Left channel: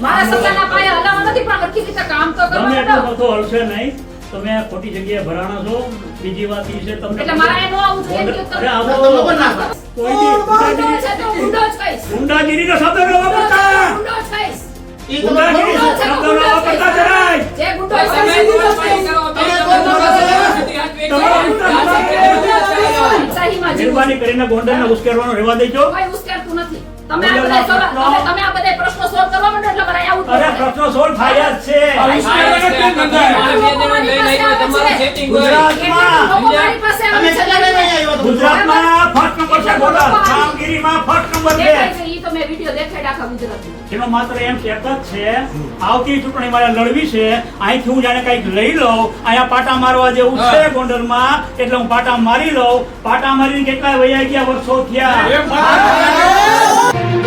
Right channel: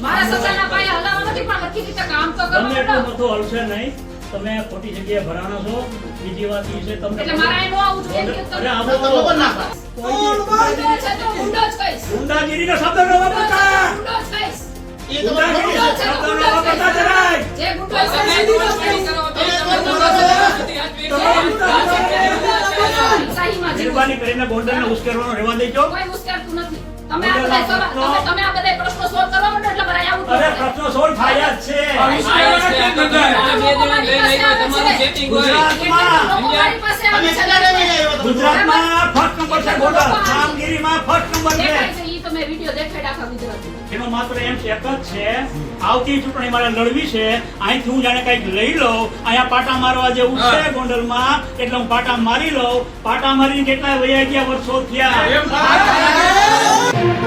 મારા સગાના પાયા હલાવવા નથી પણ હરખી રીતે કામ તો ગમે કરવા એટલો બધો હલશે નહીં. તમે આ ખોટી જગ્યાએ ભરાણા છો. બીજી વાત એ છે તમને એટલે મારા એનું આવું જોઈએ કે તમે- આવો ના. ગુંડાગીરીનો શબ્દ ન વાપરતા. એ ગુંડાગીરી શબ્દ ન વાપરતા જરાય. જે ગુંડો તમે ગુંડો. કરો, તમે ગુંડો મહેરબાની કરીને ગોંડલને ઉશ્કેરવાનો રહેવા દેજો. કોઈ. તમે આ બધા તમે- તમે આ બધા પ્રશ્નો solve કરવા માંડો એટલે મારે આવું અરે પ્રશ્નો સોલ્વ થાય જ છે. કેટલાક લોકો મારી પાસે આવે તમે છે. કેટલા વાગે આવ્યા તમે? ગુજરાતમાં ફર્સ્ટ નંબર છે ગોંડલ કામગીરીમાં ફર્સ્ટ નંબર છે દેખાય છે, ઈ તમે વીડિયો દેખાડ આખા ગુજરાતમાં. એનો માત્ર એમ એક જ છે આવતી ચૂંટણી મારે લડવી છે. અહીંથી હું જાણે કંઈક લઈ લઉં. અહીંયા પાટા મારવા જેવું છે ગોંડલમાં એટલે હું પાટા મારી લઉં. પાટા મારીને કેટલા વૈયા ગયા વર્ષો થયા.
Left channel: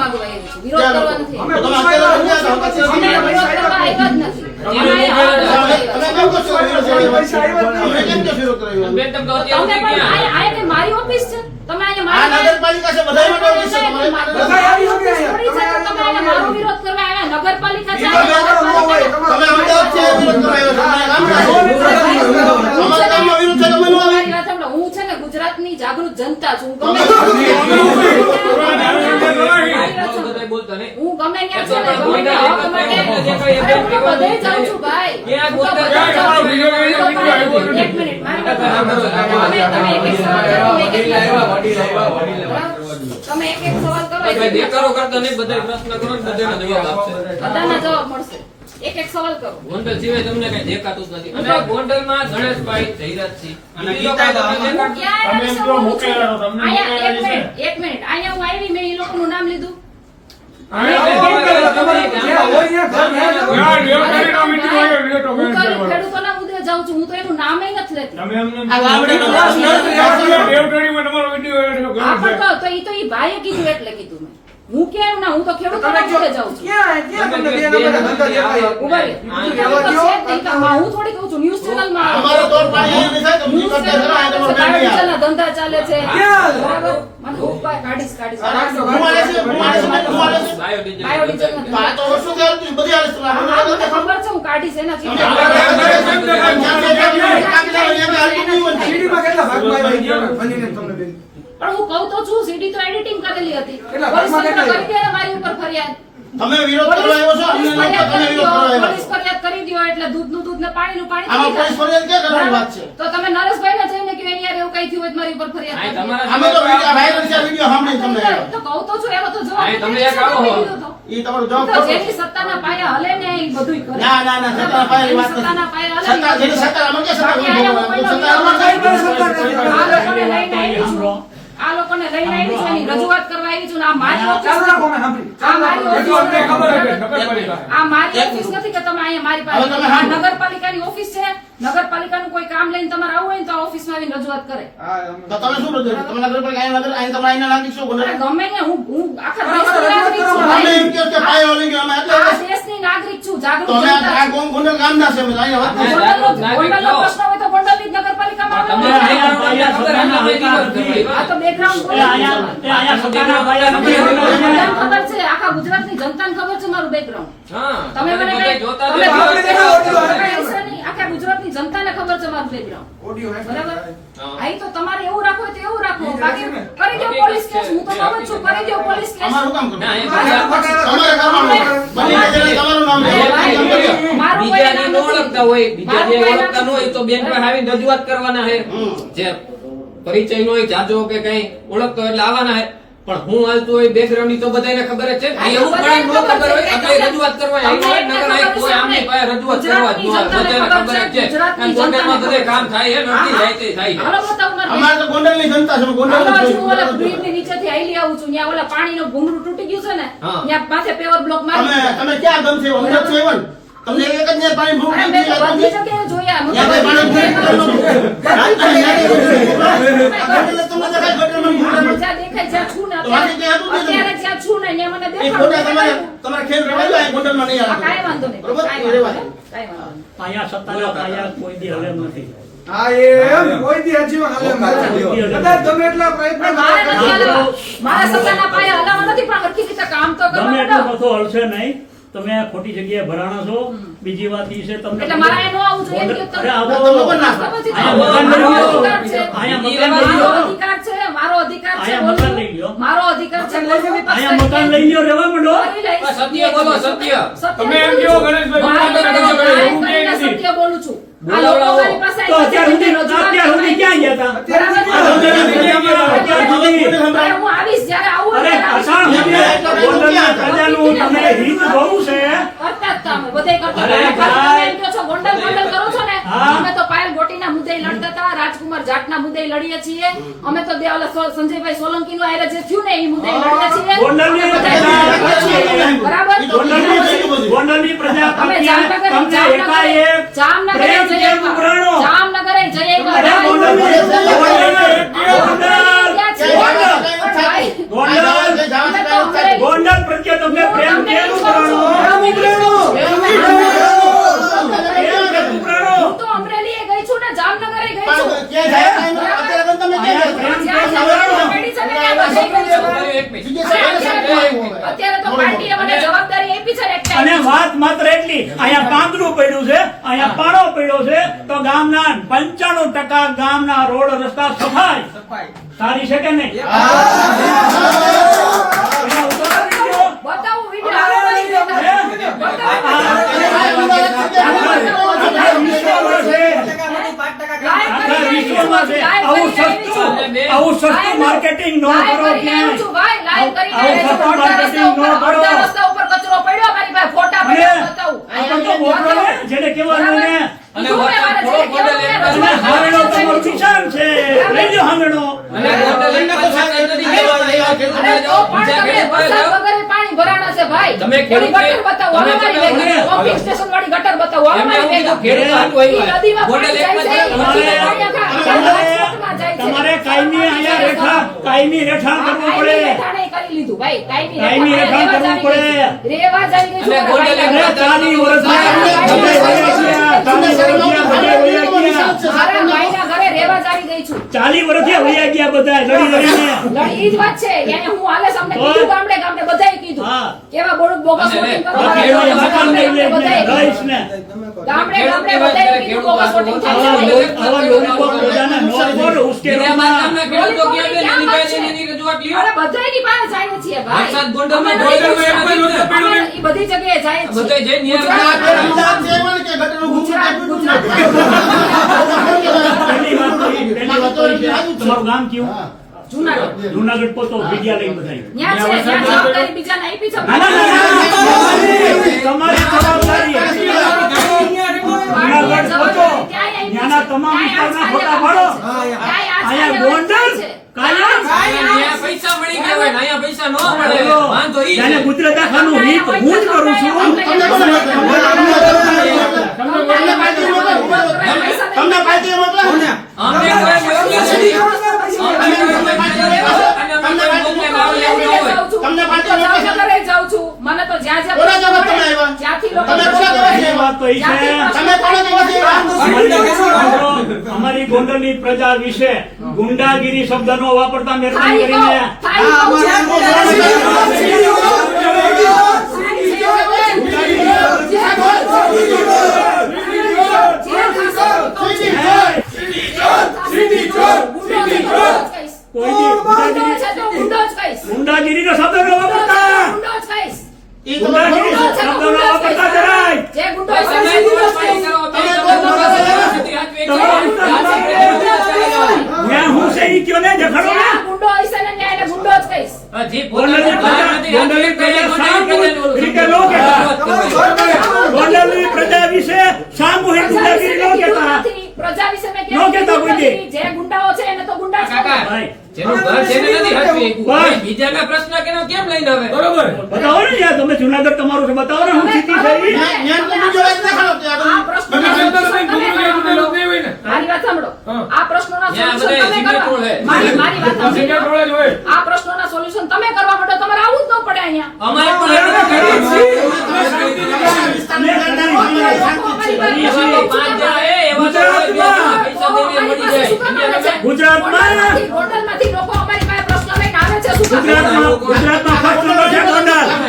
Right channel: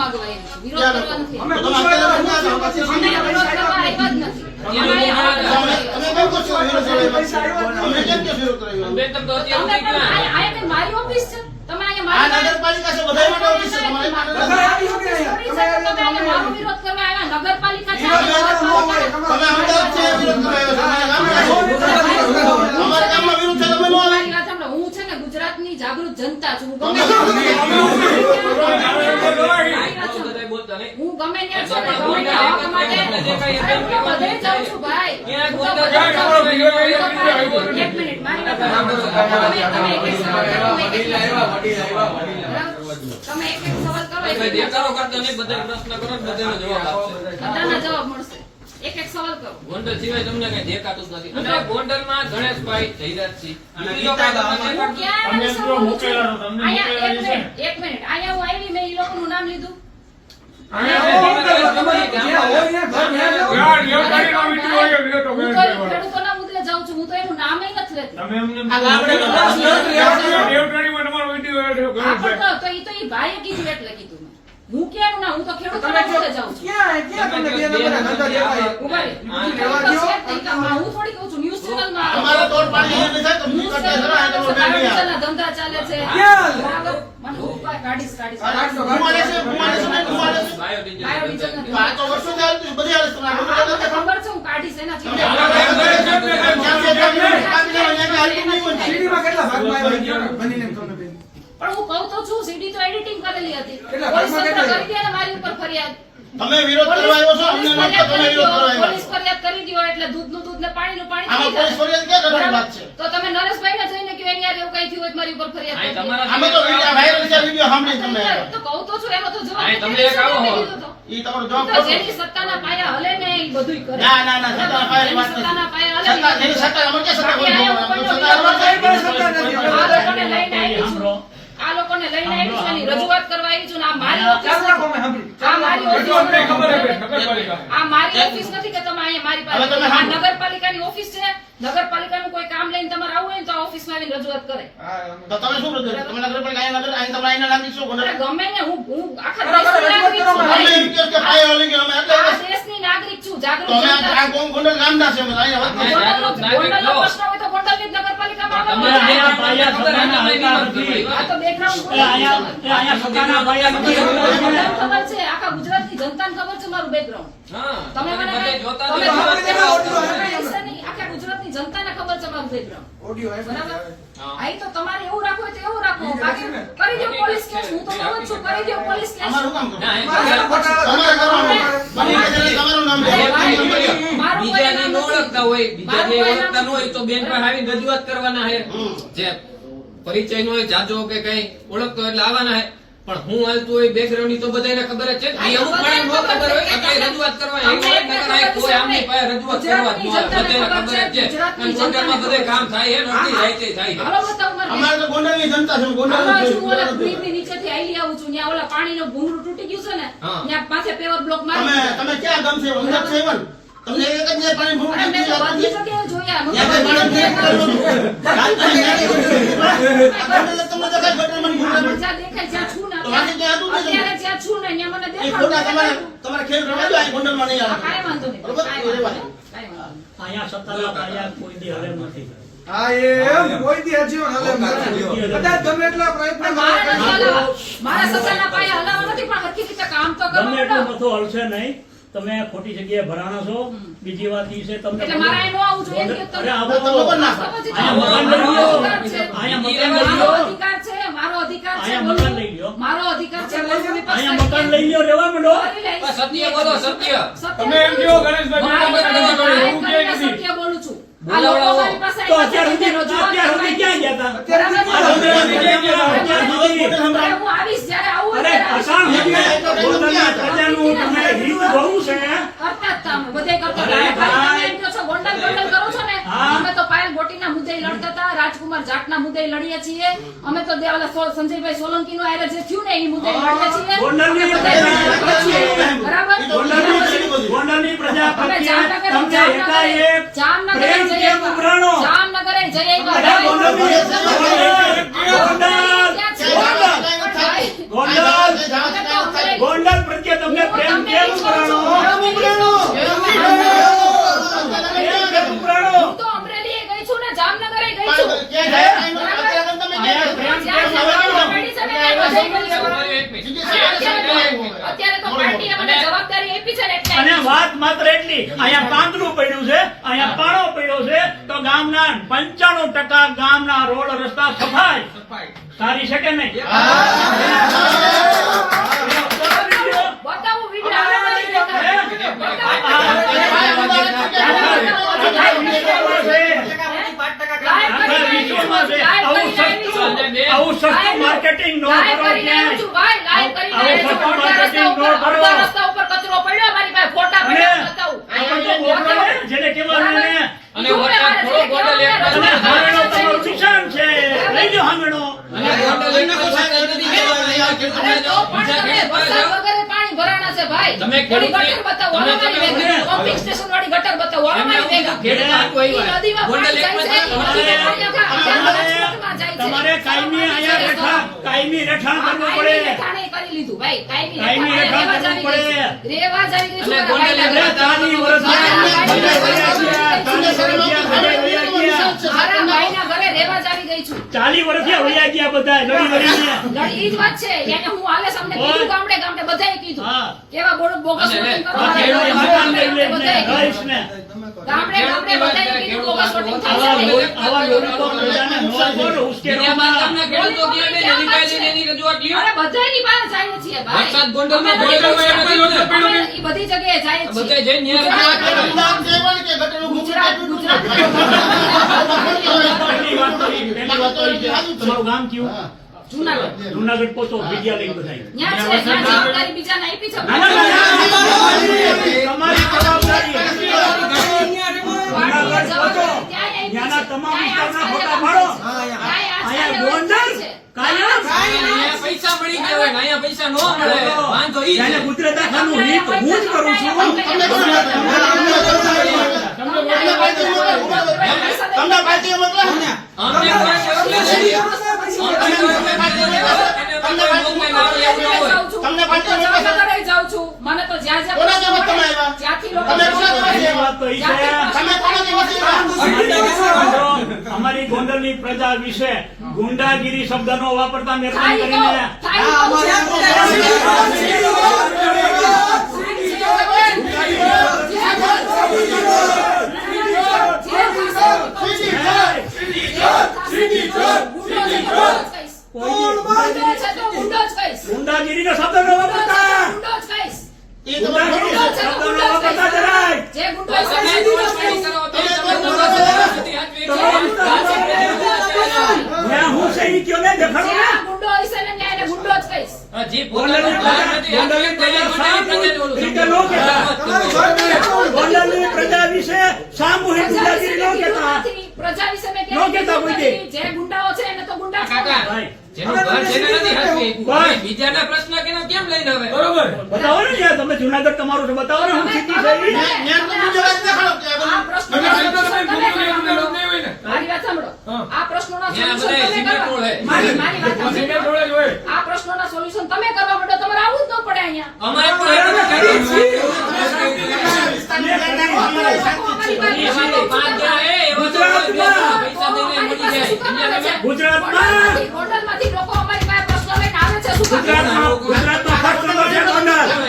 માંગવા આવી છું. વિરોધ કરવા નથી. છો, અમે કરવા તમે છો છો મારી ઓફિસ છે. તમે આ નગરપાલિકા છે બધા માટે ઓફિસ છે. તમારે તમારી છે મારો વિરોધ કરવા આવ્યા. નગરપાલિકા છે તમે અમદાવાદથી વિરોધ કરો આવ્યા છો. અમારા વિરોધ તમે ન આવે મારી વાત સાંભળો. હું છે ને ગુજરાતની જાગૃત જનતા છું. હું ગમે હું ગમે ત્યાં છે. ને ગમે ત્યાં હક માટે અરે હું તો બધે જાઉં છું. ભાઈ ક્યાં હું તો ગોતા બધે ક્યાં જાઉં છું. કરો? એક મિનિટ મારી તમે એક એક સવાલ કરો દેખાડો કરતા નહીં બધા પ્રશ્ન કરો બધા બધાનો જવાબ આપશે. બધાના જવાબ મળશે. એક એક સવાલ કરો. ગોંડલ સિવાય તમને કઈ દેખાતું જ નથી. અને ગોંડલમાં ગણેશભાઈ જયરાજસિંહ તમે છો, તમને અહીંયા એક મિનિટ એક મિનિટ. અહીંયા હું આવી મેં ઈ લોકોનું નામ લીધું. ખેડૂતોના મુદ્દે જાઉં છું. હું તો એનું નામ નથી લેતી. તો- તો ઈ તો ઈ ભાઈએ કીધું એટલે કીધું. હું ક્યાં ના હું તો ખેડૂત મુદ્દે જાઉં છું? હું થોડી કહું છું ન્યૂઝ અમારે થાય તો કરતા જરા, આ તો આવે. બાયોડિઝલના ધંધા ચાલે છે બરાબર? મને છે, છે, છે. બાયોડીઝલ આ તો વર્ષો ચાલતું, બધી હાલત ખબર છે હું કાઢીશ એના નહીં હોય. પણ હું કહું તો છું સીડી તો એડિટિંગ કરેલી હતી. પોલીસ તંત્ર કરી દે મારી ઉપર ફરિયાદ. તમે વિરોધ કરવા આવ્યો છો? અમને તમે વિરોધ કરવા દ્યો, પોલીસ ફરિયાદ કરી દ્યો એટલે દૂધનું દૂધ ને પાણીનું પાણી આમાં પોલીસ ફરિયાદ ક્યાં કરવાની વાત છે? તો તમે નરેશભાઈને જઈને કહો એની યાર એવું કઈ થયું હોય મારી ઉપર ફરિયાદ આય કરી દો. તમારા અમે તો વાયરલ છે વીડિયો સાંભળી તમને તો કહું તો છું એનો તો જવાબ આય એક આવો હો. દીધો તો. ઈ તમારો તો જવાબ જેની સત્તાના પાયા હલે ને એ બધુંય કરે. ના ના ના સત્તા પાયની વાત જેની સત્તાના પાયા હલે સત્તા જેની સત્તા અમે ક્યાં સત્તા બાકી આયા સત્તા આ લોકોને લઈને આવી છું. આ લોકોને લઈને આવી છું એની રજૂઆત કરવા આવી છું આ મારી ઓફિસ આ મારી ઓફિસ નથી. આ મારી ઓફિસ નથી કે તમે અહીંયા મારી પાસે આ નગરપાલિકાની ઓફિસ છે. નગરપાલિકાનું કોઈ કામ લઈને તમારે આવવું હોય ને તો આ ઓફિસમાં આવીને રજૂઆત કરે. તો તમે શું બધું તમે નગરપાલિકા નગર અહીંયા તમે આઈને નાખી શું બોલે. ગમે ને હું હું આખા દેશની નાગરિક છું. રજૂઆત અમે ભાઈ. કે પાયો લઈ ગયો અમે એટલે દેશની નાગરિક છું જાગૃત તમે આ. ગોમ ગોંડલ ગામના છે અમે અહીંયા વાત નાગરિક છો. પ્રશ્ન હોય તો ગોંડલની જ નગરપાલિકામાં તમારા આવવાનું. જે ખબર એના લઈ વિરોધ કરવાની આ તો background એ અહીંયા એ અહીંયા સત્તાના પાયા નથી. મને ખબર છે આખા ગુજરાતની જનતા ખબર છે મારું બેકગ્રાઉન્ડ તમે મને જોતા આખા ગુજરાતની જનતાને ખબર છે મારું બેકગ્રાઉન્ડ. બરાબર? અહીં તો તમારે એવું રાખવું હોય તો એવું રાખો. બાકી કરી દો પોલીસ કેસ હું તો કહું છું કરી દો પોલીસ કેસ. તમારે. કામ કરો. મારું કોઈ બીજાને નામ ન ઓળખતા હોય. બીજા ને ઓળખતા ન હોય તો બેનમાં આવીને રજૂઆત કરવાના છે. હમ. જે પરિચય નો હોય જાજો કે કઈ ઓળખતો હોય એટલે આવવાના છે. પણ હું હાલતું હોય બેકગ્રાઉન્ડ તો બધાને ખબર જ છે એવું પણ ન ખબર હોય છે. એટલે રજૂઆત કરવા આવ્યો હોય નકર આ કોઈ આમની પાસે રજૂઆત કરવા જ ન બધાને ખબર જ છે અને ગોંડલમાં બધે કામ થાય છે નથી થાય તે થાય છે. અમારે તો ગોંડલની જનતા છે ગોંડલ આમાં ઓલા બ્રિજની નીચેથી આઈલી આવું છું. ત્યાં ઓલા પાણીનું ભૂંગળું તૂટી ગયું છે ને હા. ત્યાં માથે પેવર બ્લોક તમે મારી તમે ક્યાં ગમશે અંદર છો એવન તમને એક જ ને પાણી ભૂખ તૂટી લાગતી? જગ્યાએ જોયા. મને પાણી. તમને હા, દેખાય છું ને ક્યાં હતું અત્યારે જ્યાં છું ને ત્યાં મને એ દેખાડો. ખોટા તમારે તમારે ખેલ રમાડ્યો આ ગોંડલમાં નહીં આવે કાંઈ વાંધો નહીં બરોબર કાંઈ એ વાંધો રહેવા દો. નહીં. કાંઈ વાંધો નહીં. અહીંયા સત્તાના પાયા કોઈ દી હલે નથી હા એમ કોઈ દી હજી હાલે મારે. કદાચ ગમે એટલા પ્રયત્ન પણ મારા કે નથી હલાવવા. મારા સસાના પાયા હલાવવા નથી પણ હરખી રીતે કામ તો ગમે કરવાનું એટલું હલશે નહીં તમે ખોટી જગ્યાએ ભરાણા છો બીજી વાત ઈ છે તમને એટલે મારે અહીં ન આવવું જોઈએ એમ કીધું અરે તમે. આવો. તમને પણ ના સમજી અહીંયા. મકાન અહીંયા. મારો અધિકાર છે મારો અધિકાર છે મકાન લઈ લો. વિપક્ષ અહીંયા મકાન લઈ લો રહેવા માંડો. સત્ય બોલો, સત્ય. તમે એમ કહો, ગણેશભાઈ, મારે કરીને નથી. સત્ય બોલું છું. મારી તો અત્યાર સુધી અત્યાર સુધી ક્યાં ગયા હતા? અત્યાર સુધી હું આવીશ. અરે. અસાણ સુધી ગોંડલની પ્રજાનું તમે હિત જોવું છે. કરતા બધે કરતા અરે ભાઈ. તમે એમ કહો છો, ગોંડલ ગોંડલ કરો છો ને? અમે તો પાયલ ગોટીના મુદ્દે લડતા હતા રાજકુમાર જાટના મુદ્દે લડીએ છીએ. અમે તો દે- સંજયભાઈ સોલંકી નું આયરે જે થયું ને એ મુદ્દે લડતા છીએ. બરાબર? ગોંડલની પ્રજા પ્રત્યે જામનગર જામનગર એકાએક જામનગર પ્રેમ જઈ કેમ આવ્યા. ઉભરાણો? જામનગર જઈ આવ્યા. અરે ભાઈ, ગોંડલની ગોંડલ. પ્રત્યે તમને પ્રેમ કેમ ઉભરાણો? અને વાત માત્ર એટલી અહીંયા પાંદડું પડ્યું છે અહીંયા પાણો પડ્યો છે તો ગામના પંચાણું ટકા ગામના રોડ રસ્તા સફાઈ. સારી છે કે નહીં? આવું સસ્તું માર્કેટિંગ નો કરો આવું સસ્તું માર્કેટિંગ નો કરો રસ્તા ઉપર- અડધા રસ્તા ઉપર કચરો પડ્યો મારી પાસે ફોટા પડ્યા બતાવું. આપણ તો બોકડો જેને કહેવાનું ને અને વરસાદ થોડો ગોંડલ એક બાજુ. અને તમારું નિશાન છે લઈ જાઓ અને ગોંડલ નથી બીજા. પાસે વરસાદ જાઓ. વગર પાણી ભરાણા છે ભાઈ તમે ખેડૂત ગટર બતાવો તમે. પંપિંગ સ્ટેશન વાળી ગટર અમારી ખેડૂત નદીમાં પાણી જાય છે. તમારે કાયમી અહીંયા રેઠા કાયમી રેઠાણ કરવું પડે. કરી લીધું ભાઈ કાયમી રેવા કરવું પડે. રેવા જ અને ગોંડલ. ચાલી વર્ષ રેવા જ ગઈ છું ચાલી વર્ષથી વયા ગયા. બધા લડી લડીને લડી- ઈ જ વાત છે એને હું હાલે સામે કીધું ગામડે ગામડે બધાએ કીધું. કેવા બોલું બોગસ લઈ લે બધાએ ગામડે ગામડે કીધું ખેડૂત વોટિંગ થાય આવા છે. લોલીપોપ પ્રજાને નો બોલો, બીજા ના. ખેડૂતો ક્યાં બે એની પાસે એની રજૂઆત લ્યો. અરે બધાયની પાસે જાય છીએ ભાઈ. વરસાદ એનો જ અમે ઈ બધી જગ્યાએ જાય છીએ. બધે જઈને ન્યાય ગુજરાત- અમદાવાદ છે. કે ગટરનું ગુજરાત ગુજરાત છે. તમારું ગામ કયું? જુનાગઢ જુનાગઢ પહોંચો વિદ્યા લઈને બધા ન્યા છે ન્યા જવાબદારી બીજાને આપી છે ના, ના, ના, ના, તમારી જવાબદારી પાર્ટીએ જવાબદારી ક્યાંય આપી છે. ત્યાંના તમામ વિસ્તારના ફોટા પાડો. ક્યાંય આજ કાલે અહીંયા ગોંડલ છે. પૈસા મળી ગયા હોય અહીંયા પૈસા ન મળે વાંધો ઈ છે ગુજરાત હિત હું જ કરું છું તમને તમને પાર્ટી મોકલો તમને પાર્ટીએ મોકલો અમને કોઈ તમને જાઉં છું મને તો જ્યાં જ્યાં કોના પ્રશ્નો જવાબ તમે આવ્યા? જ્યાંથી લોકો તમે કોના જવાબ પહેલી વાત તો છે તમે કોના અમારી અમારી ગોંડલની પ્રજા વિશે ગુંડાગીરી શબ્દનો વાપરતા મહેરબાની કરીને કહો, થાય કહો. કોઈ દી ગુંડાગીરીનો શબ્દ ન વાપરતા એ તમારે ગુંડાગીરી શબ્દ ન વાપરતા જરાય જે ગુંડો તમે છે, દોષ નહીં કરો, તમે તમે દોષ કરો. સ્થિતિ હાચવી છે. મેં હું છે ઈ કયો ને દેખાડો ને જ્યાં ગુંડો હશે ને ત્યાં એને ગુંડો જ કહીશ. હા, જી, પોતાનું ભાન નથી હાચવી કે એને ગોંડલ રીતે નો કહેતા. ગોંડલની પ્રજા વિશે સામૂહિક પ્રજા વિશે ગુંડાગીરી મેં ન કીધું કહેતા નથી. પ્રજા વિશે મેં ન કહેતા કીધું કોઈ નથી. જે ગુંડાઓ છે એને તો ગુંડા જ કાકા, કહેવાય. જેનું ઘર જેને નથી હસવી. બીજાના પ્રશ્ન કેનો કેમ લઈને આવે બરોબર બતાવો ને યાર તમે જુનાગઢ તમારું છે બતાવો ને હું સ્થિતિ છે ઈ. ન્યા- ન્યા તો વાત દેખાડો ત્યાં આ. પ્રશ્નનો તમે solution તમે તમે કરો. નહીં હોય ને મારી વાત સાંભળો હા. આ પ્રશ્નોના ત્યાં બધાય તમે કરવા. હે. મારી મારી વાત સાંભળો. જ હોય આ પ્રશ્નોના સોલ્યુશન તમે કરવા પડે તમારે આવું જ ન પડે અહીંયા અમારે પણ એ બધું કરીએ છીએ. શાંતિ જાણકારી અમારે શાંતિ છે. એવા પાંચ જણા હે, એવા તો કોઈ બે જણા પૈસા દેવી મળી જાય સમજ્યા તમે? ગુજરાતમાં? ગોંડલમાંથી- ગોંડલમાંથી લોકો અમારી પાસે પ્રશ્ન લઈને આવે છે શું ગુજરાતમાં ગુજરાતમાં ફર્સ્ટ છે ગોંડલ આવે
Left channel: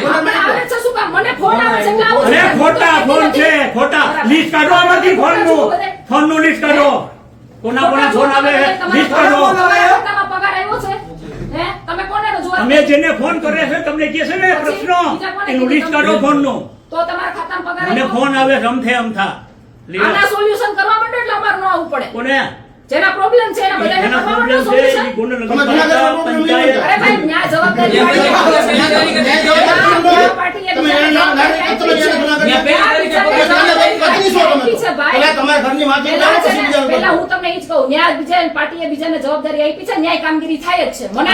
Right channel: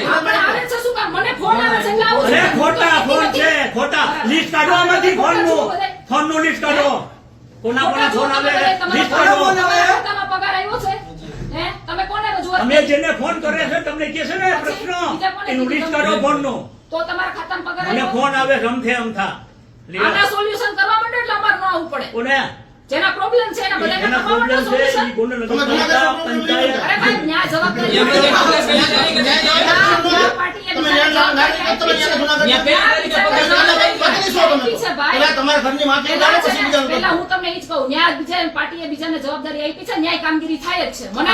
છે શું મને ફોન આવે છે એટલે આવું અરે ખોટા ફોન છે ખોટા લિસ્ટ કાઢો લિસ્ટ કોના કોના ફોન આવે? લિસ્ટ કાઢો. પગાર આવ્યો છે? હે? તમે કોને રજૂઆત અમે જેને ફોન કરે છે તમને કહે છે ને પ્રશ્નો. એનું લિસ્ટ કાઢો ફોનનું. તો તમારા ખાતામાં પગાર મને ફોન આવે રમથે અમથા આના સોલ્યુશન કરવા માટે એટલે અમારે ન આવવું પડે. કોને? જેના પ્રોબ્લેમ છે એના બધાને કરવા માટે સોલ્યુશન તમે જુનાગઢનો problem પંચાયત અરે ભાઈ ન્યાય જવાબદારી એ પાર્ટીએ તમે. પેલા. હું તમને ઈ જ કહું ન્યાય બીજા પાર્ટીએ બીજાને જવાબદારી આપી છે ન્યાય કામગીરી થાય જ છે. મને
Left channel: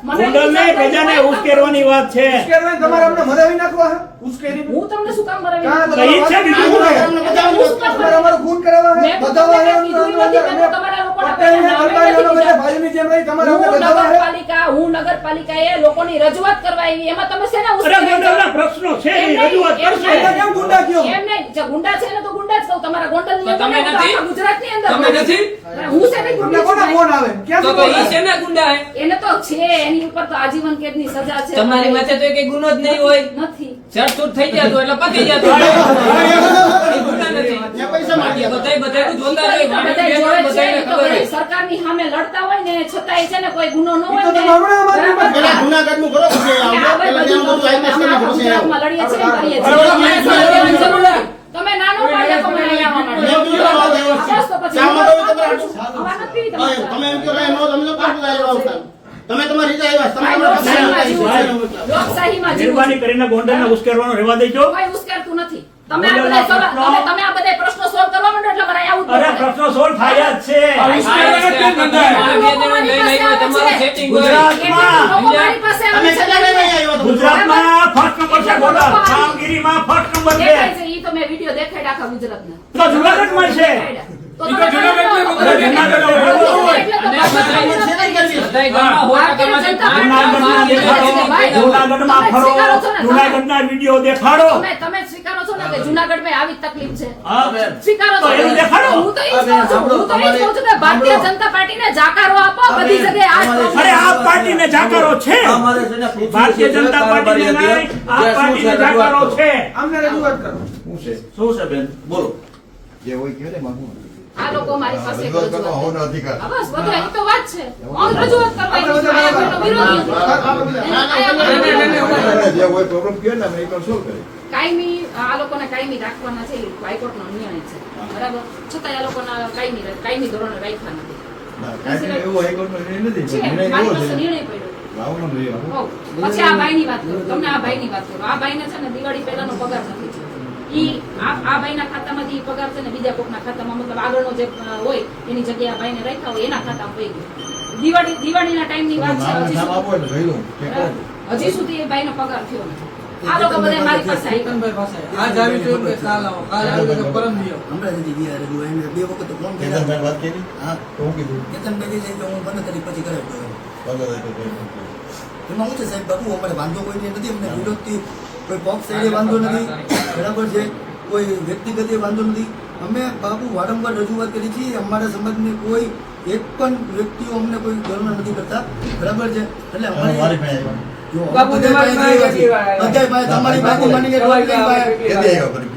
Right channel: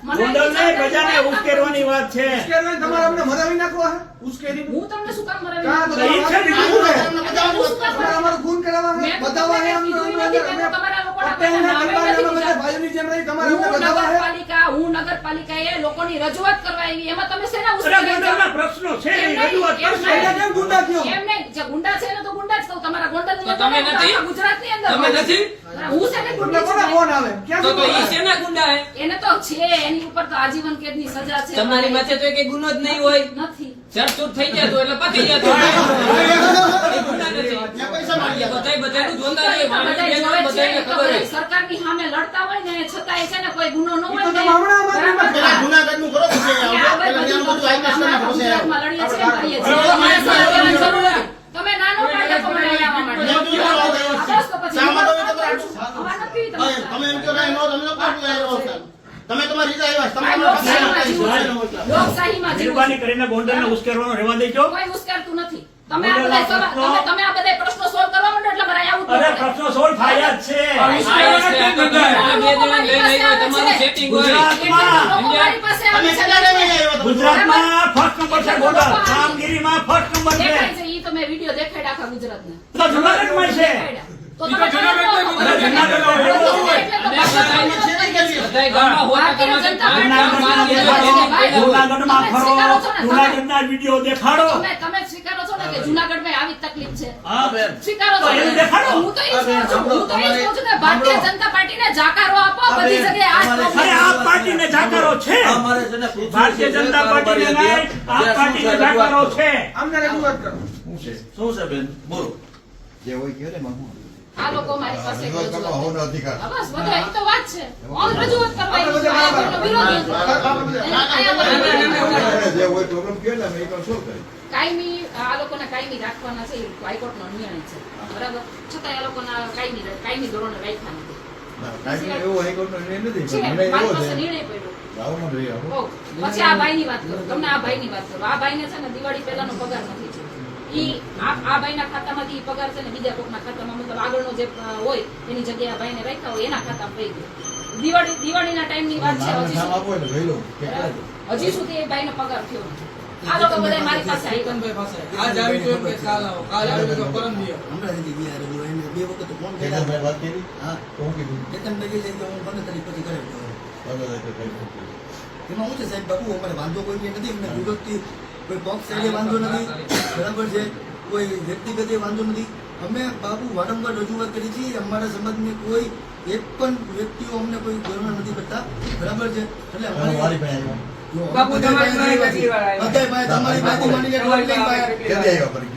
ગોંડલને પ્રજાને ઉશ્કેરવાની વાત છે. ઉશ્કેરવાને તમારે અમને મરાવી નાખવા? ઉશ્કેરી હું તમને શું કામ મરાવી નાખું? તો છે બીજું તમારે અમારો ખૂન કરાવવા બતાવવા તમારા હું નગરપાલિકા લોકોની રજૂઆત કરવા આવી. એમાં તમે શેના પ્રશ્નો છે રજૂઆત એને ગુંડા કયો? એમ નહીં, ગુંડા છે એને તો ગુંડા જ કહું. તમારા ગોંડલની તમે નથી? આખા ગુજરાતની અંદર તમે નથી? હું શેની તમને ગુંડી કોના ફોન આવે? તો તો ઈ આવે? શેના ગુંડા હે? એને તો છે એની ઉપર તો આજીવન કેદની સજા છે. તમારી માથે તો કઈ ગુનો જ નહીં હોય. નથી. ચડચૂટ થઈ જતો એટલે પતી જતો સરકારની સામે લડતા હોય ને છતાંય છે ને કોઈ ગુનો ન હોય ને. તમે કરો, નાનો પાડ્યા તો આવવા માટે. કીધું આ વાત આવ્યો છે. બસ તો પછી શા માટે હું તમે વાત તમારા- કરું છું. આમાં નથી હવે તમે તમે એમ કહો કે નો, તમે તો કાંઈ બોલાય એવા હતા. તમે તમારી રીતે આવ્યા. તમે લોકશાહીમાં ઘરના જીવું છું. લોકશાહીમાં જીવું છું. મહેરબાની કરીને ગોંડલને ઉશ્કેરવાનો રહેવા દેજો. તમે આ તમે તમે આ બધા પ્રશ્નો સોલ્વ કરવા માંડો એટલે મારે અહીંયા અરે પ્રશ્નો સોલ્વ થયા જ છે. તમારું setting હોય. આવે? ગુજરાતમાં ફર્સ્ટ નંબર છે ગોંડલ. કામગીરીમાં ફર્સ્ટ નંબર છે ઈ તો મેં વીડિયો દેખાડ્યા આખા ગુજરાતના. તો જુનાગઢમાં છે. જુનાગઢ ન? જનતા પાર્ટી? વીડિયો દેખાડો. તમે સ્વીકારો છો ને કે આવી તકલીફ છે? સ્વીકારો છો? દેખાડો. હું તો હું તો છું કે ભારતીય જનતા જાકારો આપો બધી જગ્યાએ આ જ અરે problem આ પાર્ટીને જાકારો છે. અમારે છે ને પૃથ્વી ભારતીય જનતા પાર્ટીને કારોબારી નહીં હતી. આ જાકારો છે. અમને રજૂઆત કરો. શું છે બેન? બોલો. જે હોય કહે ને માગું. આ લોકો મારી પાસે બસ તો વાત છે. રજૂઆત છું. કોઈનો વિરોધ નથી. જે હોય પ્રોબ્લેમ કહે ને કાયમી આ લોકોને કાયમી રાખવાના છે હાઈકોર્ટનો નિર્ણય છે. બરાબર? છતાં એ લોકોના કાયમી કાયમી ધોરણે રાખ્યા નથી. ના, એવો હાઈકોર્ટનો નિર્ણય નથી નિર્ણય પડ્યો. પછી આ ભાઈની વાત કરું તમને આ ભાઈની વાત કરું. આ ભાઈને છે ને દિવાળી પહેલાનો પગાર નથી. ઈ આ ભાઈના ખાતામાંથી ઈ પગાર છે ને બીજા કોકના ખાતામાં મતલબ આગળનો જે હોય એની જગ્યાએ આ ભાઈને રાખ્યા હોય એના ખાતામાં વહી ગયો. દિવાળી દિવાળીના ટાઈમની વાત છે હજી સુધી. એ ભાઈનો પગાર થયો આ લોકો બધા મારી પાસે આવી કેતનભાઈ પાસે. આજ આવી છું કે કાલ આવો કાલ આવી તો પરમ દિયો હમણાં સુધી ગયા હું એને બે વખત ફોન કેતનભાઈ કર્યા. વાત કરી? હા. તો હું કીધું? કેતનભાઈ છે કે હું પછી. એમાં સાહેબ અમારે વાંધો કોઈ નથી અમને વિરોધથી કોઈ પક્ષ એને વાંધો નથી. બરાબર છે? કોઈ વ્યક્તિગત એ વાંધો નથી. અમે બાપુ વારંવાર રજૂઆત કરી છે અમારા સમાજની કોઈ એક પણ વ્યક્તિઓ અમને કોઈ ગર્વ નથી કરતા. બરાબર છે? એટલે અમારી બાપુ, તમારી?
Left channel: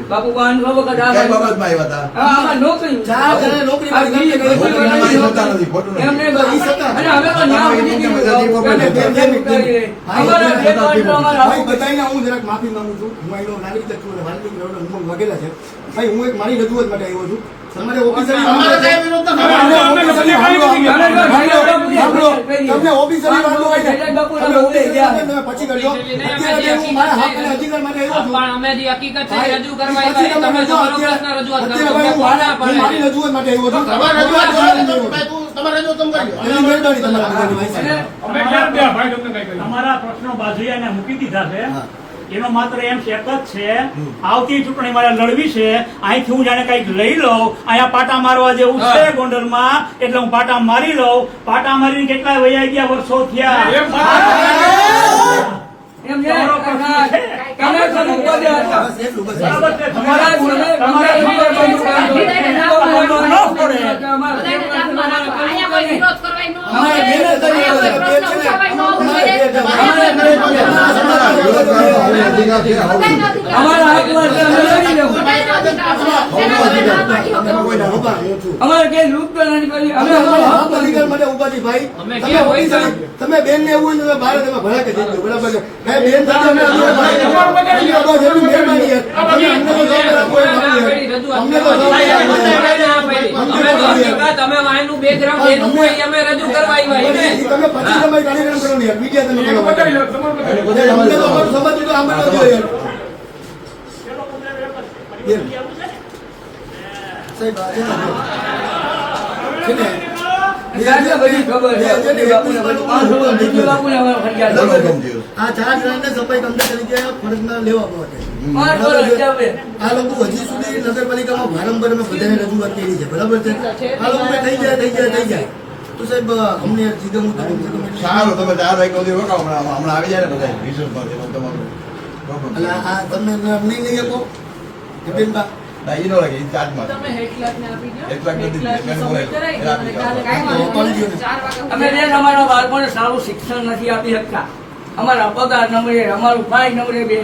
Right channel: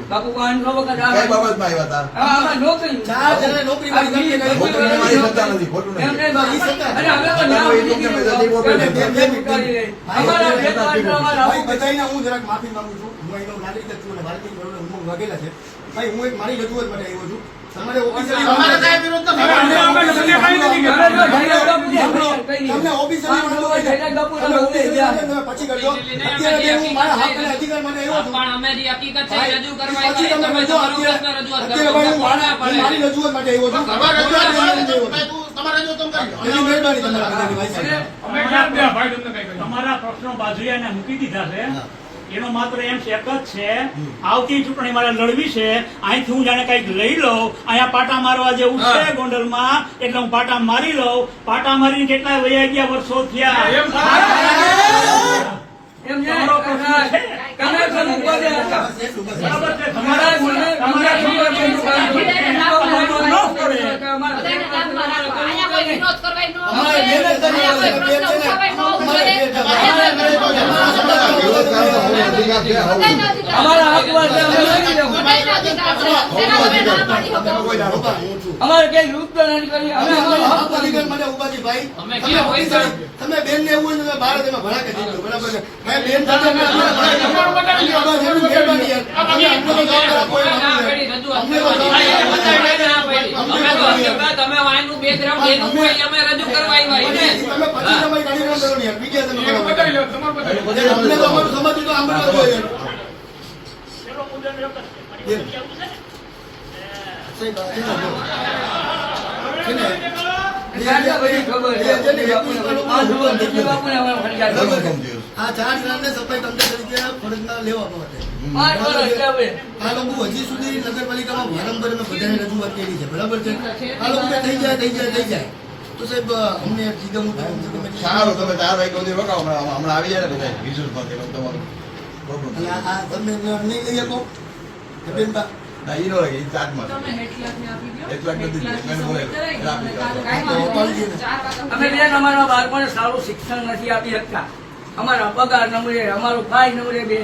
બાપુ વખત આવ્યા હતા? હા, આમાં નોકરી. ચાર જણા નોકરી નથી, ખોટું નથી. સત્તા. અરે તો. બધાની હું જરાક માફી માંગુ છું. હું એનો નાગરિક છું અને ભારતીય ઉમંગ છે. ભાઈ હું એક મારી રજૂઆત માટે આવ્યો છું. તમારે ઓફિસરી અમારે કાંઈ વિરોધ નથી. તમને ઓફિસરી વાંધો હોય પછી કરજો. અત્યારે હું મારા હક અને અધિકાર માટે આવ્યો છું. પણ અમે જે હકીકત છે રજૂ કરવા પછી તમે તમે તમારો પ્રશ્ન રજૂઆત કરો. અત્યારે હું મારા- રજૂઆત માટે આવ્યો છું. તમારે રજૂઆત કરવાની તો તમારે રજૂઆત કેમ કરી? એની મહેરબાની તમારા ભાઈ અમે ક્યાં ગયા ભાઈ તમને કઈ કર્યું તમારા પ્રશ્નો બાજુએ એને મૂકી દીધા છે. એનો માત્ર એમ એક જ છે આવતી ચૂંટણી મારે લડવી છે અહીંથી હું જાણે કંઈક લઈ લઉં અહીંયા પાટા મારવા જેવું છે ગોંડલમાં એટલે હું પાટા મારી લઉં. પાટા મારીને કેટલા વયા ગયા વર્ષો થયા? બરાબર છે. કોઈ વિરોધ કરવાય ન અમારે આવે. બેન જ તમે અહીંયા કોઈ બેન પ્રશ્ન છે ને, ઉઠાવાય ન અમારે તમે. કોઈ અધિકાર અમારા તમે. તમે કોઈ કઈ લૂંટ નથી કરી અમે અમે અમારા હક અધિકાર માટે છીએ, ભાઈ. અમે તમે ક્યાં હોય? તમે બેન ને એવું હોય તો અમે તમે ભડાકે થઈ ગયો, બરાબર? ભાઈ, બેન સાથે અમે અમને તો જવાબ આપવો અમે એમ ના આપીએ. પાડી રજૂઆત અમને તો કરવા. જવાબ અમે આપવો એમ. ના પાડી. અમે તો હકીકત, અમે વાયનું background એનું હોય એ અમે રજૂ કરવા આવ્યા એને. તમે પછી તમારી કાર્યક્રમ કરો ને યાર. તમે કરો. બતાવી લો, તમારે બતાવી લો. યાર, અમને તો અમારું સમાજ તો આમ જ યાર. સાહેબ, આ છે ને, ચાર જણાને સફાઈ કમ્પ્લીટ તરીકે ફરજમાં લેવા માટે. આ લોકો હજી સુધી નગરપાલિકામાં વારંવાર અમે બધાને રજૂઆત કરી છે બરાબર છે? આ લોકો થઈ જાય થઈ જાય થઈ જાય. તો સાહેબ અમને જીગમ ઉતર કમસે સારું તમે ચાર વાગ્યા સુધી રોકાવો હમણાં હમણાં આવી જાય ને બધા તમારું એટલે આ તમે નહીં લઈ શકો? બેનબા ના, ઈ લાગે, એક લાખ આપી દો. ને. ચાર અમે બેન અમારા બાળકોને સારું શિક્ષણ નથી આપી શકતા. અમારા પગાર નમરે અમારું ભાઈ નમરે બે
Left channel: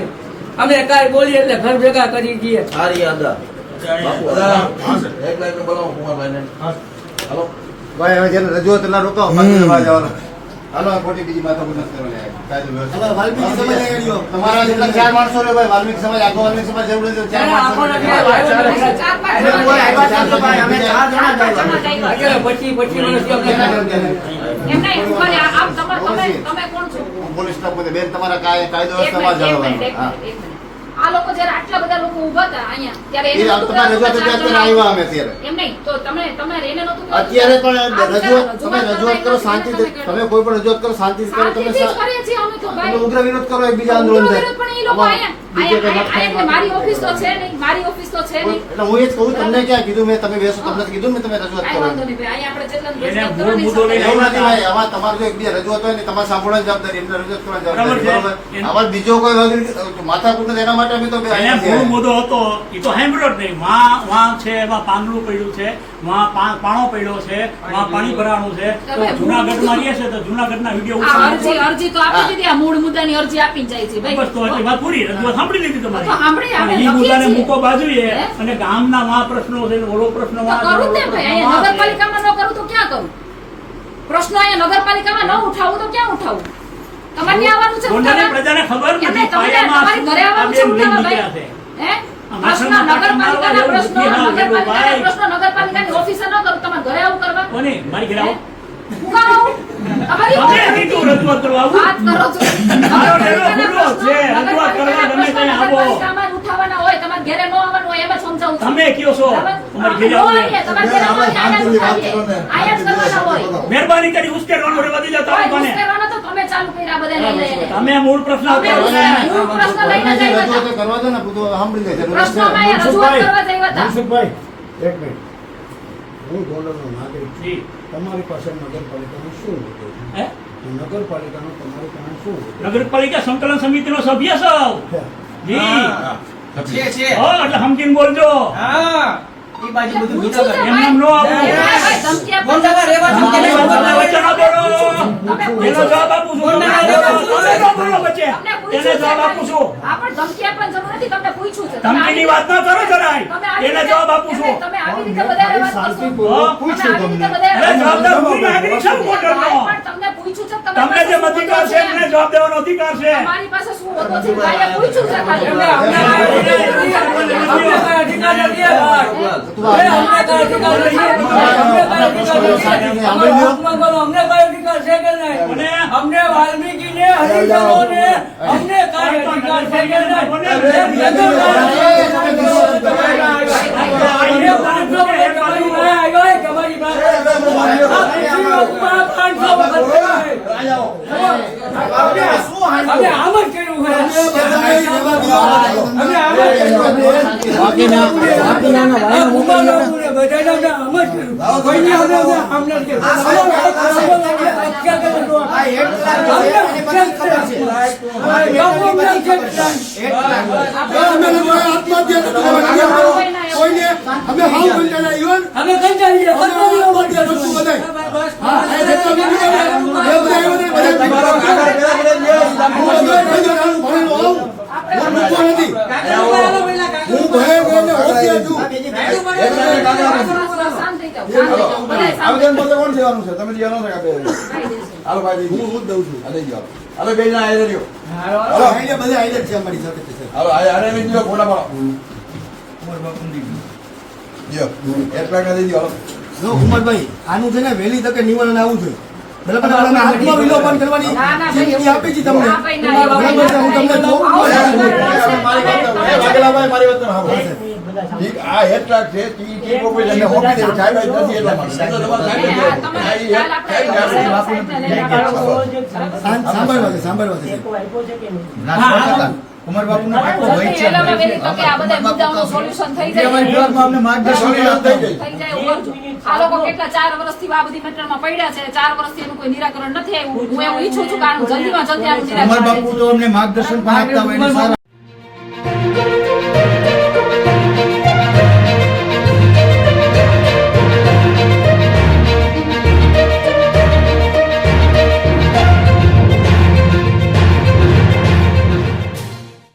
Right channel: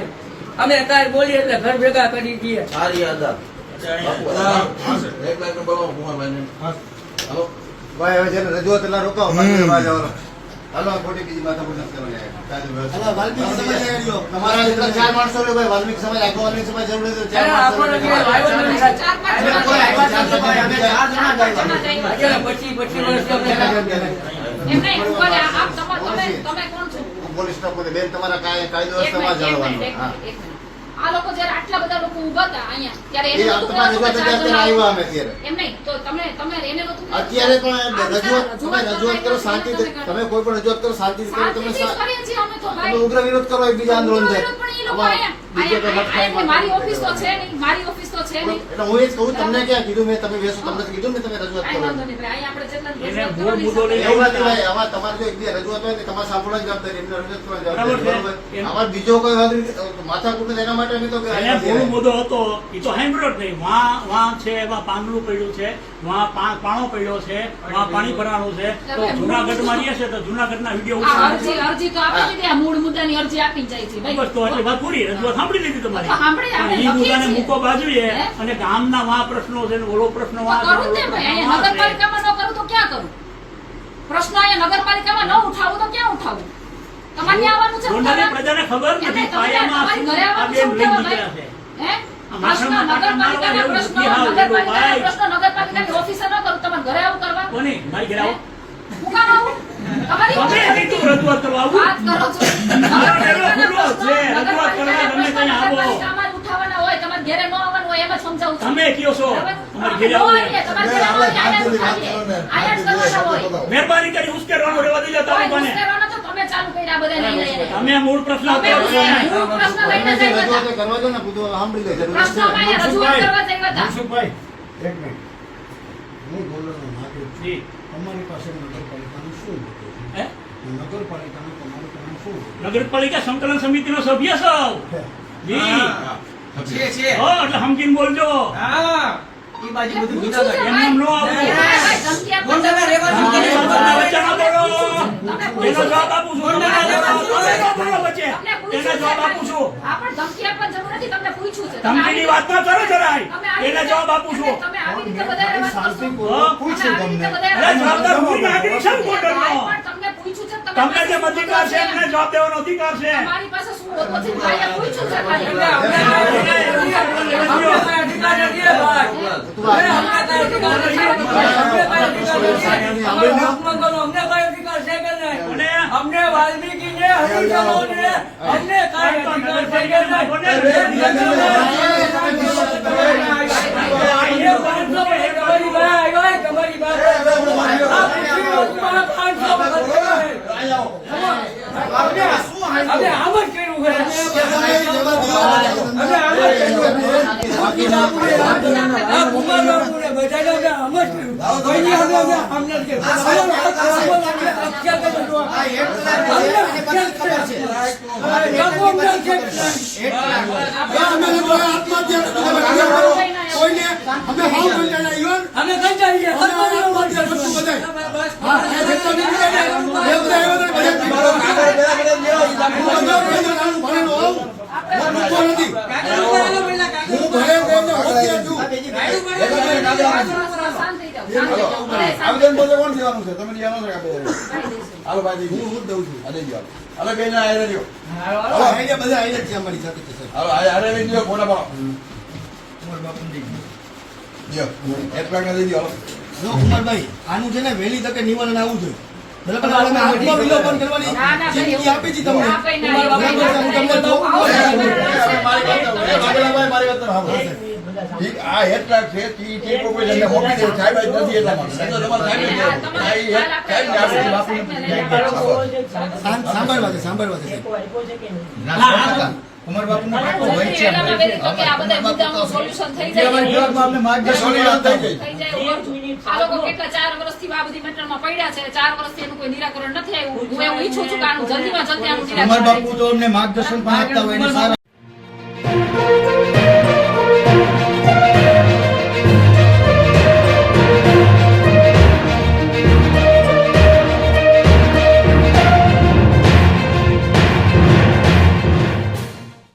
અમે કાંઈ બોલીએ એટલે ઘર ભેગા કરી દઈએ સારી આદા એક લાખ બોલાવો કુમારભાઈને. હાલો. ભાઈ હવે જેને રજૂઆત એટલે તમારે હાલો આ ખોટી બીજી માથાકૂટ નથી કરવાની. કાયદો વ્યવસ્થા. હવે વાલ્મીકી સમાજ આવ્યો. તમારા જેટલા ચાર માણસો ભાઈ વાલ્મીકી સમાજ આખો વાલ્મીકી સમાજ જરૂર છે ચાર ત્યારે માણસો આપણને લે. કઈ આવ્યો નથી. ચાર પાંચ એટલે કોઈ આવ્યા જ નથી ભાઈ, અમે ચાર જણા જ ચાર પાંચ આવ્યા. જણા જ આવ્યા. અત્યારે પચીસ પચીસ વર્ષથી અમે એમ નહીં, ઊભા રહે. આપ તમા- તમે તમે કોણ છો પોલીસ સ્ટાફ બેન તમારા કાય- કાયદો સમાજ આ લોકો જયારે આટલા બધા લોકો ઊભા હતા અહીંયા ત્યારે એને આવ્યા અમે અત્યારે. એમ નહીં તો તમે તમે એને અત્યારે પણ રજૂઆત તમે રજૂઆત કરો શાંતિ તમે કોઈ પણ રજૂઆત કરો શાંતિ કરો. તમે તમે ઉગ્ર વિરોધ કરો એકબીજા આંદોલન થાય મારી ઓફિસ તો છે નહીં મારી ઓફિસ તો છે નહીં. એટલે હું એ જ કહું તમને ક્યાં કીધું મેં? તમે બેસો તમને કીધું ને તમે રજૂઆત કરો આમાં તમારે જો એકબીજા રજૂઆત હોય ને તમારે સાંભળવાની જવાબદારી એમને રજૂઆત કરવાની જવાબદારી. આમાં બીજો કોઈ માથાકૂટ એના માટે એને મૂળ મુદ્દો હતો એ તો હેમ્બ્રોડ નહીં. વાં વાં છે એમાં પાંદડું પડ્યું છે વાં પાણો પડ્યો છે વાં પાણી ભરાણું છે. તો જુનાગઢમાં રહીએ છે તો જુનાગઢના વીડિયો અરજી અરજી તો આપી દીધી આ મૂળ મુદ્દાની અરજી આપી જાય છે બસ તો એટલી વાત પૂરી રજૂઆત સાંભળી લીધી તમારી. લખીએ મુદ્દાને મૂકો બાજુએ અને ગામના વાં પ્રશ્નો છે ને ઓલો પ્રશ્ન વાં. નગરપાલિકામાં ન કરું તો ક્યાં કરું? પ્રશ્નો અહીંયા નગરપાલિકામાં ન ઉઠાવું તો ક્યાં ઉઠાવું? તમારે આવવાનું છે ગોંડલની પ્રજાને ખબર નથી પાયામાં ઘરે આવવાનું છે બેન લઈને ઉઠાવવા નીકળ્યા છે. હે? પ્રશ્ન નગરપાલિકાના પ્રશ્નો નથી હાવ, એલો નગરપાલિકાના પ્રશ્નો નગરપાલિકાની ઓફિસે ન કરું તમારે ઘરે આવું કરવા? કોને? મારી ઘરે આવો. હું કામ તમારી તમે ઓફિસે નહીં રજૂઆત કરવા આવું? વાત કરો છો. મારો ડેલો ખુલ્લો છે. રજૂઆત કરવા ગમે ત્યાં આવો. નગરપાલિકામાં ઉઠાવવાના હોય. તમારે ઘરે ન આવવાનું હોય એમ જ સમજાવું તમે કયો છો? બરાબર? ઘરે આવો તમારે ઘરે આવો એટલે જ ઉઠાવીએ. અહીંયા જ કરવાના હોય. મહેરબાની કરી ઉશ્કેરવાનું રેવા દેજો તમે કોઈ મને ઉશ્કેરવાનો તો તમે ચાલુ કર્યા બધા લઈને તમે મૂળ પ્રશ્ન તમે કરો છો. ઉશ્કેર- હું પ્રશ્ન લઈને જ હતા. કરવા દો ને બધું સાંભળી લે જરૂર પ્રશ્નોમાં રજૂઆત કરવા જ હતા. મનસુખભાઈ એક મિનિટ. હું ગોંડલનો નાગરિક છું. તમારી પાસે નગરપાલિકાનું શું હતું? હે? નગરપાલિકાનું તમારું કામ શું નગરપાલિકા સંકલન સમિતિનો સભ્ય છો જી. હો એટલે સમજીને બોલજો. હા. બાજુ બધું એમ નામ નો એનો જવાબ આપું છું. તમે બોલો. એને જવાબ આપું ધમકીની વાત ન કરો જરાય. એને જવાબ આપું છું. જવાબદાર હું નાગરિક છું ગોંડલનો. તમને જે અધિકાર છે એમને જવાબ દેવાનો અધિકાર છે તમારી પાસે શું હોતો છે ભાઈએ પૂછ્યું છે ખાલી. અમને- અમને અધિકાર નથી ભાઈ. અમને કાંઈ અધિકાર નથી. અમને કાંઈ અમને છે કે નહીં? અમને વાલ્મીકીને, હરિજનોને, અમને કાંઈ અધિકાર છે કે નહીં? એ પાંચસો વખત તમારી પાસે આવ્યા, તમારી પાસે. આ અમે જ કર્યું છે. અમે આમ જ કર્યું છે. આ ભૂમાનોને બધાને આમ જ કર્યું. કોઈની સામે અમે આમ નથી કર્યું. અમારો હક અમારો હક અક્ષર કરે તો. અમને અક્ષર કરે છે. લોકો અમને અક્ષર કરે. કોઈને અમે હાવ કંટાળ્યા ઈવન અમે કંટાળીએ. અમારી અમલ કરશું. બધું બધાય. હા, એ જેટલો નીકળે ને, એ બધા આવ્યા હતા, બધા નીકળ્યા. હું ભણેલો હોઉં, હું મૂકો નથી. હું ભણેલો ને હોશિયાર છું. શાંત થઈ જાઓ, શાંત થઈ જાઓ. બધાય શાંત આવેદન પત્ર કોણ દેવાનું છે તમે દેવાનું છે કે કરી. હાલો ભાઈ હું હું દઉં છું અને જાઓ હવે બે જણા આવી રહ્યો હાલો, આઈડિયા બધા આવી જ છે અમારી સાથે હાલો આને મેં દીધો ફોટા પાડો જો પેક દઈ દો જો કુમારભાઈ આનું છે ને વહેલી તકે નિવારણ આવવું જોઈએ આપી છે તમને મારી વાત સાંભળો. ઠીક, આ છે ઈ કોઈ સાહેબ જ નથી એટલા માટે. સાહેબ. તમારે ને છે આ બધા મુદ્દાઓનું સોલ્યુશન થઈ જાય. થઈ જાય. આ લોકો કેટલા ચાર વર્ષથી આ બધી મેટરમાં પડ્યા છે. ચાર વર્ષથી એનું કોઈ નિરાકરણ નથી આવ્યું. હું એવું ઈચ્છું છું કારણ જલ્દીમાં જલ્દી આનું નિરાકરણ બાપુ તો અમને માર્ગદર્શન પણ આપતા હોય એને સારા